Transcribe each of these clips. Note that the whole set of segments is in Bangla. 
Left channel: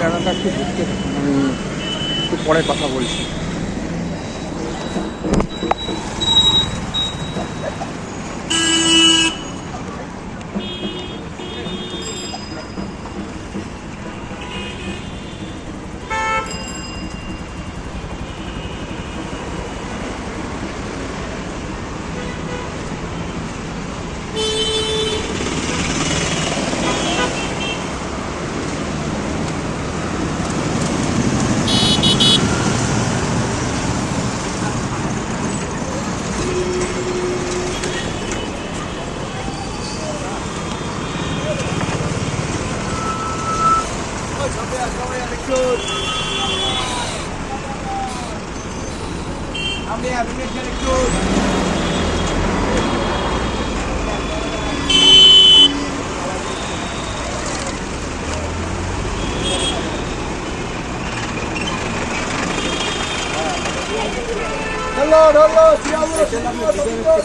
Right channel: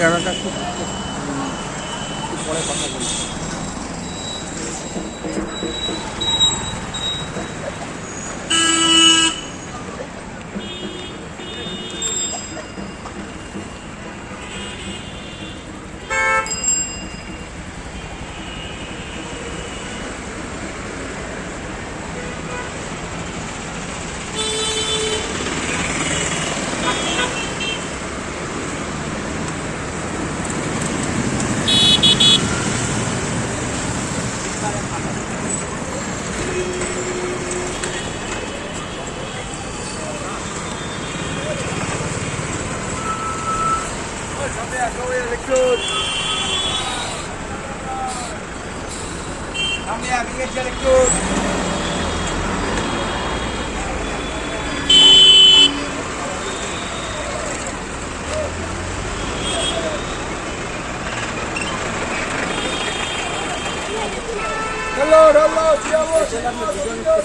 জায়গাটা খুব পরে কথা বলছি। বাঁ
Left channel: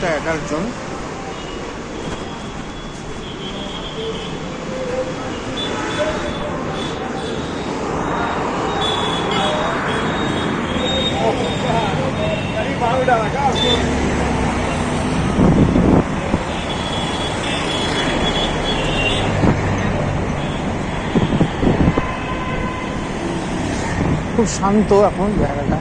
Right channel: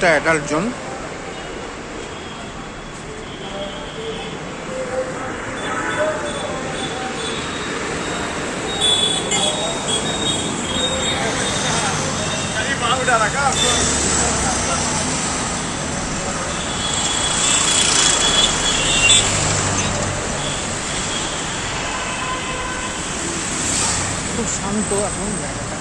দিকটা অ্যাডাল্ট জোন খুব শান্ত এখন জায়গাটা।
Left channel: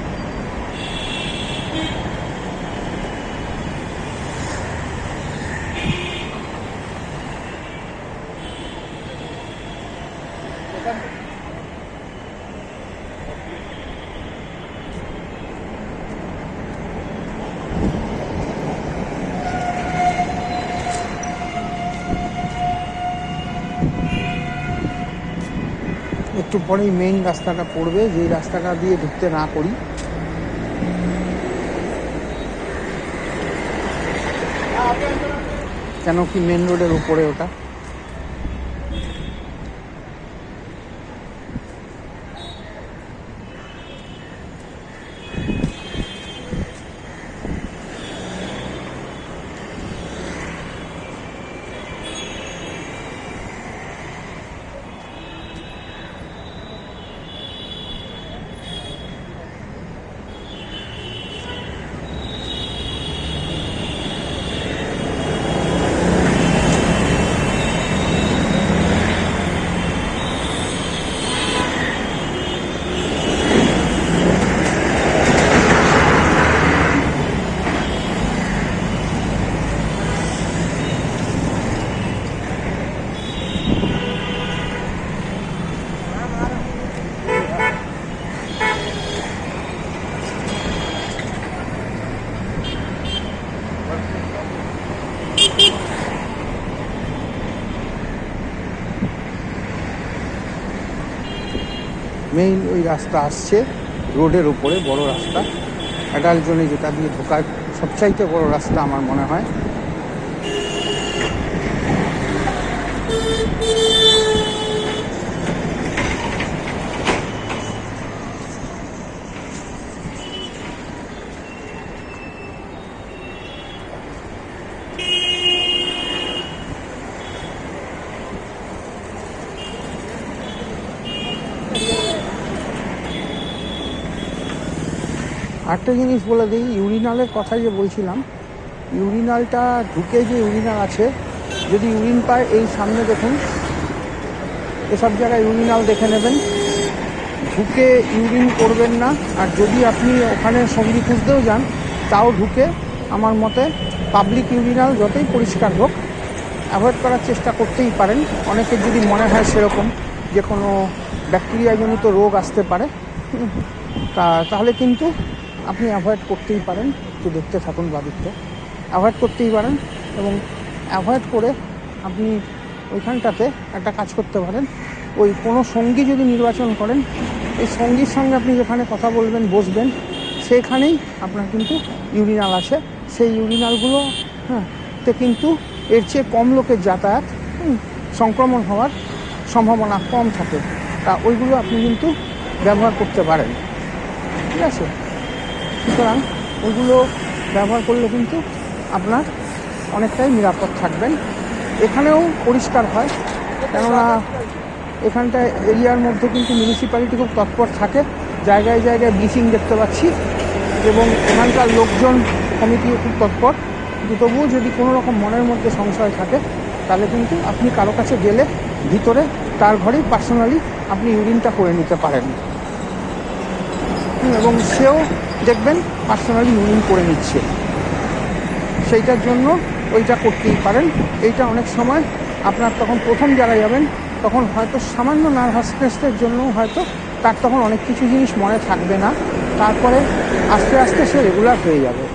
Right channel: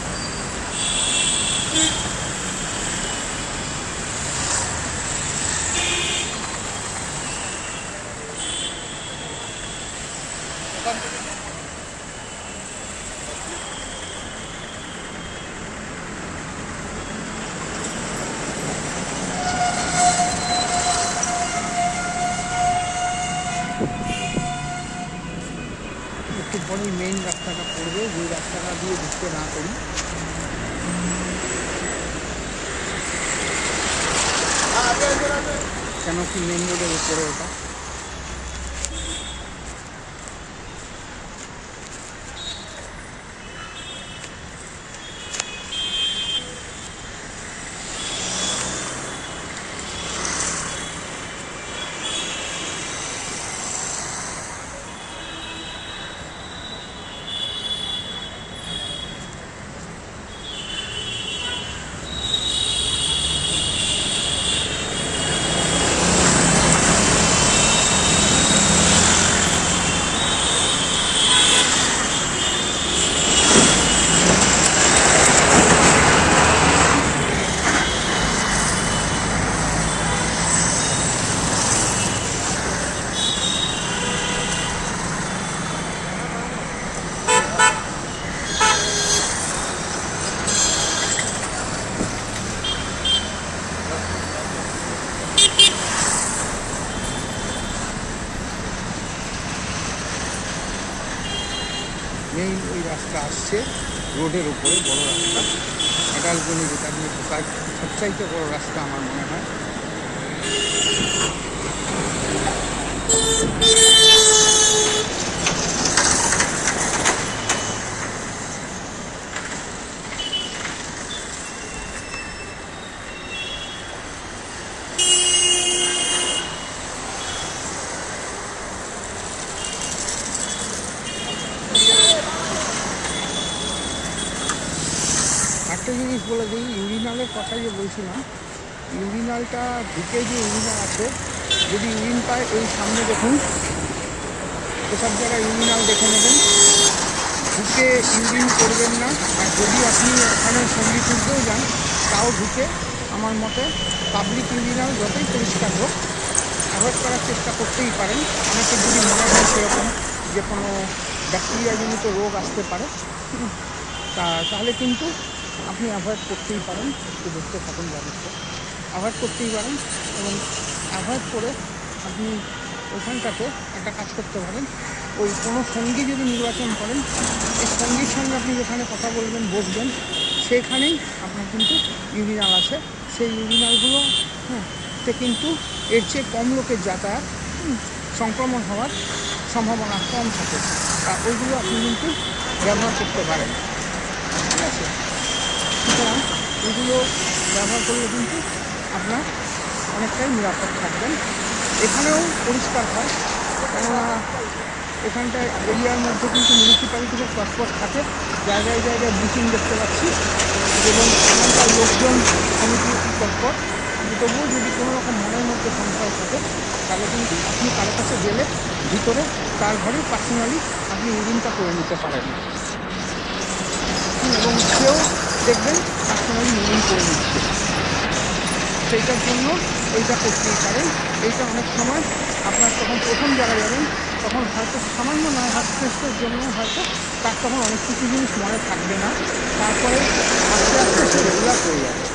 একটু পরেই মেইন রাস্তাটা পড়বে যে রাস্তাটা দিয়ে ঢুকতে না করি। কেন কি মেন রোডের উপরে ওটা? মেইন ওই রাস্তা আসছে, রোডের ওপরে বড় রাস্তা। অ্যাডাল্টজনে যেটা দিয়ে ঢোকার সবচাইতে বড় রাস্তা আমার মনে হয়। একটা জিনিস বলে দিই ইউরিনালের কথা যে বলছিলাম ইউরিনালটা ঢুকে যে ইউরিনাল আছে, যদি ইউরিন পায়, এই সামনে দেখুন, এসব জায়গায় ইউরিনাল দেখে নেবেন। ঢুকে ইউরিন করবেন না, আর যদি আপনি ওখানে সঙ্গী খুঁজতেও যান, তাও ঢুকে আমার মতে পাবলিক ইউরিনাল যতই পরিষ্কার হোক অ্যাভয়েড করার চেষ্টা করতেই পারেন। অনেকের যদি মনে হয় সেরকম যে কোনো ব্যাকটেরিয়াজনিত রোগ আসতে পারে, তা, তাহলে কিন্তু আপনি অ্যাভয়েড করতেই পারেন, একটু দেখতে থাকুন বাড়িতে। অ্যাভয়েড করতেই পারেন এবং অ্যাভয়েড করে আপনি ওইখানটাতে একটা কাজ করতে পারেন। ওই কোনো সঙ্গী যদি নির্বাচন করেন, এই সঙ্গীর সঙ্গে আপনি যেখানে কথা বলবেন, বসবেন, সেখানেই আপনার কিন্তু ইউরিনাল আছে সেই ইউরিনালগুলো হ্যাঁ তে কিন্তু এর চেয়ে কম লোকের যাতায়াত সংক্রমণ হওয়ার সম্ভাবনা কম থাকে। তা ওইগুলো আপনি কিন্তু ব্যবহার করতে পারেন। ঠিক আছে? সুতরাং ওইগুলো ব্যবহার করলে কিন্তু আপনার অনেকটাই নিরাপদ থাকবেন। এখানেও পরিষ্কার হয়, কেননা এখানটায় এরিয়ার মধ্যে কিন্তু মিউনিসিপ্যালিটি খুব তৎপর থাকে। জায়গায় জায়গায় ব্লিচিং দেখতে পাচ্ছি এবং এখানকার লোকজন কমিটিও খুব তৎপর কিন্তু তবুও যদি কোনো রকম মনের মধ্যে সংশয় থাকে, তাহলে কিন্তু আপনি কারও কাছে গেলে ভিতরে তার ঘরেই পার্সোনালি আপনি ইউরিনটা করে নিতে পারেন। এবং সেও দেখবেন পার্সোনালি ইউরিন করে নিচ্ছে। সেইটার জন্য ওইটা করতেই পারেন। এইটা অনেক সময় আপনার তখন প্রথম জায়গায় যাবেন, তখন হয়তো সামান্য নার্ভাস স্ট্রেসের জন্য হয়তো তার তখন অনেক কিছু জিনিস মনে থাকবে না। তারপরে আস্তে আস্তে সে রেগুলার হয়ে যাবে।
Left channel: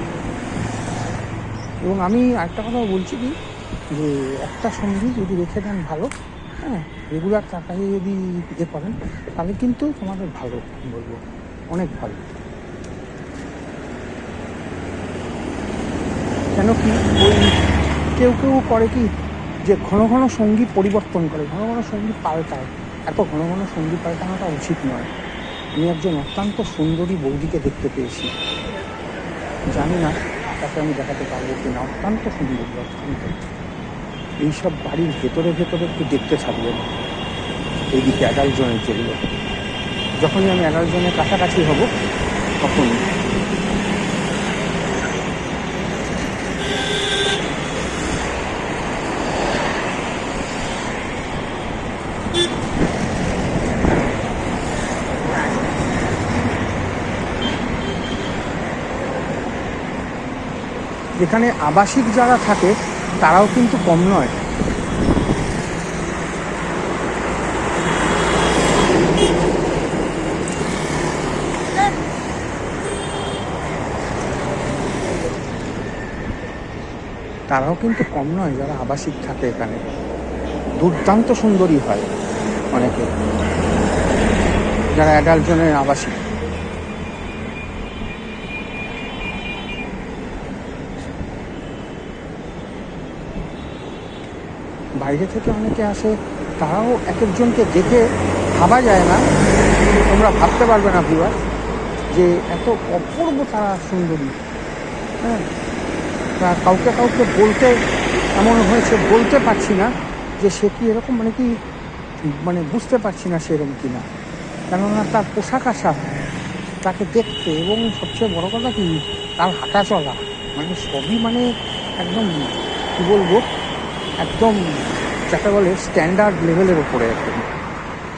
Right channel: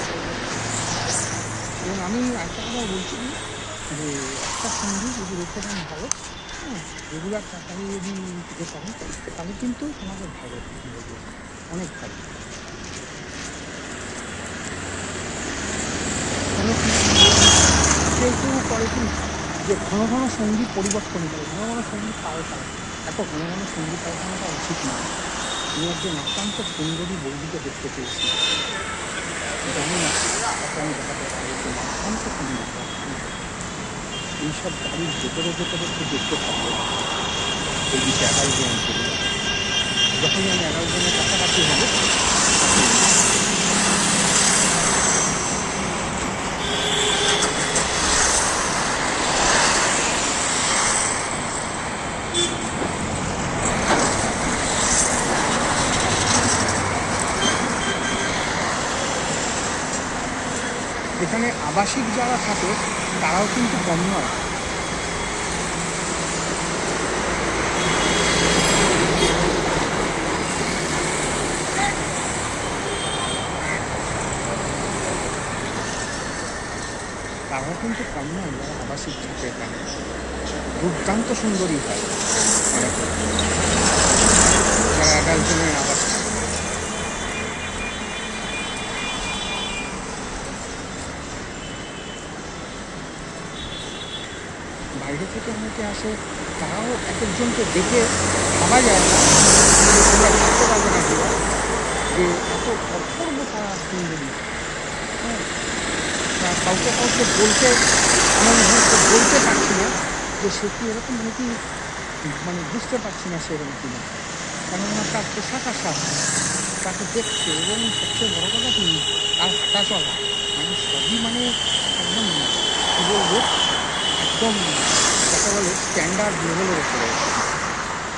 এবং আমি একটা কথা বলছি কি, যে একটা সঙ্গী যদি রেখে দেন ভালো হ্যাঁ রেগুলার টাকায় যদি দিতে পারেন, তাহলে কিন্তু তোমাদের ভালো বলব। অনেক ভালো। কেন কি কেউ কেউ করে কি যে ঘন ঘন সঙ্গী পরিবর্তন করে, ঘন ঘন সঙ্গী পাল্টায়। এত ঘন ঘন সঙ্গী পাল্টানোটা উচিত নয়। আমি একজন অত্যন্ত সুন্দরী বৌদিকে দেখতে পেয়েছি। জানি না, তাকে আমি দেখাতে পারব কি না অত্যন্ত সুন্দর এইসব বাড়ির ভেতরে ভেতরে একটু দেখতে থাকবে এই এগারো জনের যেগুলো যখনই আমি এগারো জনের কাছাকাছি হব তখন এখানে আবাসিক যারা থাকে, তারাও কিন্তু কম নয়। তারাও কিন্তু কম নয়, যারা আবাসিক থাকে এখানে। দুর্দান্ত সুন্দরী হয় অনেকে। যারা অ্যাডাল্ট জনের আবাসিক। বাইরে থেকে অনেকে আসে, তারাও এক একজনকে দেখে ভাবা যায় না। তোমরা ভাবতে পারবে না ভিওয়ার যে এত অপূর্ব তারা সুন্দরী। হ্যাঁ? কাউকে কাউকে বলতে এমন হয়েছে, বলতে পারছি না যে সে কি এরকম মানে কি মানে বুঝতে পারছি না সেরকম কি না কেননা তার পোশাক আশাক, তাকে দেখতে এবং সবচেয়ে বড় কথা কি, তার হাঁটা চলা মানে সবই মানে একদম, কী বলব, একদম যাকে বলে স্ট্যান্ডার্ড লেভেলের ওপরে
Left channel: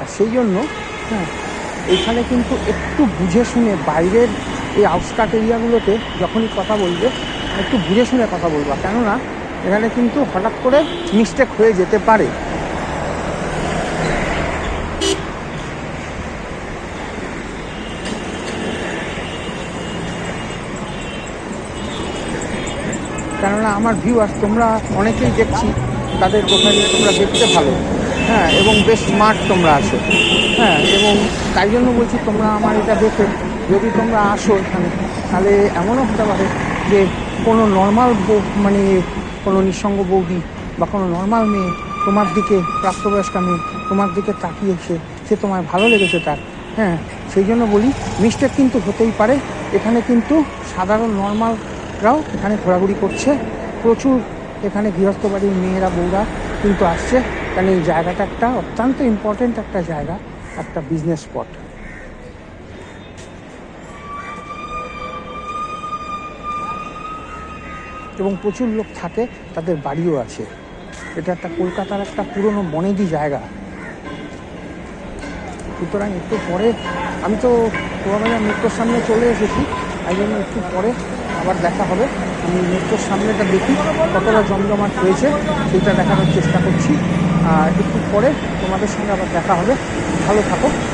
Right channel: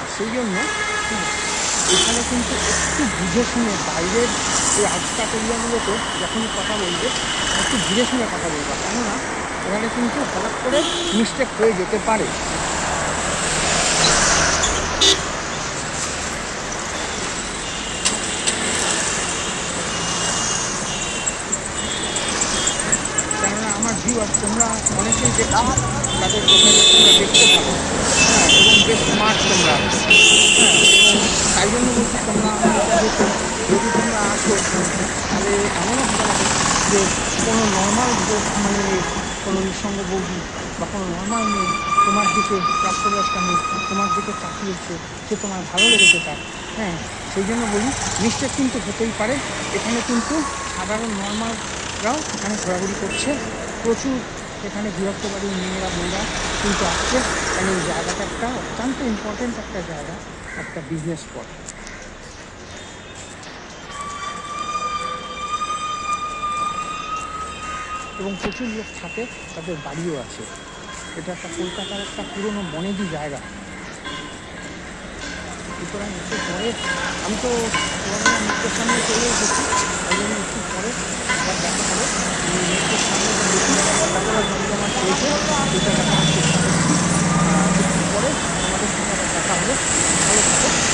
আর সেই জন্য হ্যাঁ এখানে কিন্তু একটু বুঝে শুনে বাইরের এই আউটস্কার্ট এরিয়াগুলোতে যখনই কথা বলবে একটু বুঝে শুনে কথা বলবা। কেননা, এখানে কিন্তু হঠাৎ করে মিস্টেক হয়ে যেতে পারে। কেননা, আমার ভিউয়ার তোমরা অনেকেই দেখছি, তাদের প্রোফাইলে তোমরা দেখতে ভালো। হ্যাঁ এবং বেশ স্মার্ট তোমরা আছো। হ্যাঁ এবং তাই জন্য বলছি তোমরা আমার এটা দেখে। যদি তোমরা আসো তাহলে এমনও হতে পারে যে কোনো নর্মাল মানে কোনো নিঃসঙ্গ বৌদি বা কোনো নর্মাল মেয়ে তোমার দিকে প্রাপ্তবয়স্কা মেয়ে তোমার দিকে তাকিয়েছে, সে তোমার ভালো লেগেছে তার। হ্যাঁ সেই জন্য বলি মিস্টেক কিন্তু হতেই পারে। এখানে কিন্তু সাধারণ নর্মালরাও এখানে ঘোরাঘুরি করছে। প্রচুর এখানে গৃহস্থ বাড়ির মেয়েরা, বউরা কিন্তু আসছে। কারণ এই জায়গাটা একটা অত্যন্ত ইম্পর্টেন্ট একটা জায়গা, একটা বিজনেস স্পট এবং প্রচুর লোক থাকে, তাদের বাড়িও আছে। এটা একটা কলকাতার একটা পুরনো মনেদি জায়গা। সুতরাং একটু পরে, আমি তো তোমাদের মেট্রোর সামনে চলে এসেছি, তাই জন্য একটু পরে আবার দেখা হবে। আমি মেট্রোর সামনেটা দেখি কতটা জমজমাট হয়েছে, সেটা দেখানোর চেষ্টা করছি। আর একটু পরে তোমাদের সঙ্গে আবার দেখা হবে। ভালো থাকো।